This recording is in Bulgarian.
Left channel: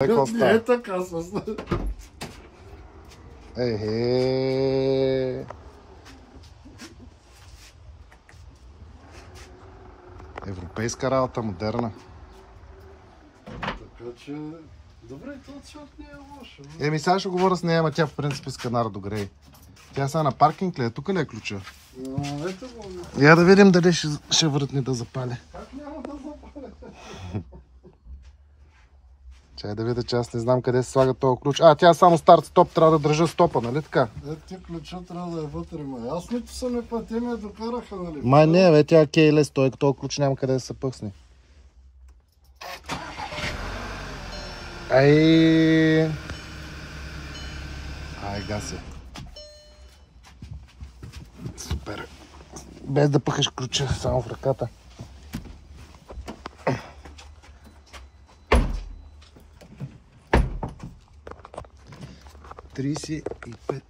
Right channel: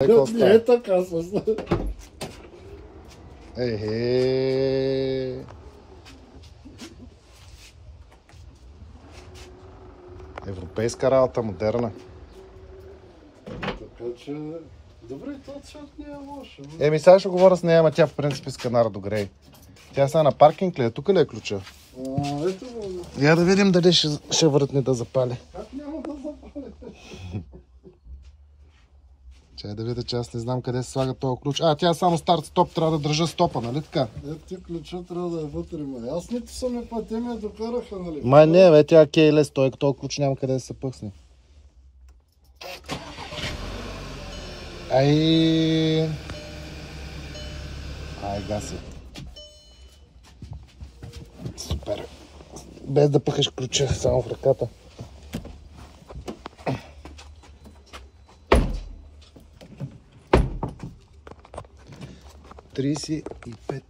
Не е така с... Европейска работа, модерна. Така че... Добре, този цвят не е лошо. Сега ще говоря с нея, ама тя в принцип иска нар до грей. Тя сега на паркинг ли е? Тук ли е ключа? Ето го. Я да видим дали ще въртне да запали. Как няма да запали? Чай да видя, че аз не знам къде се слага този ключ. Тя само старт-стоп, трябва да държа стопа, нали така? Ти ключа трябва да е вътре, ма. Аз нито са ми пъти ми докараха, нали? Май не, бе, тя кейлес, този ключ няма къде да се пъсне. Ай, гаси. Супер. Без да пъхаш ключа, само в ръката. 35.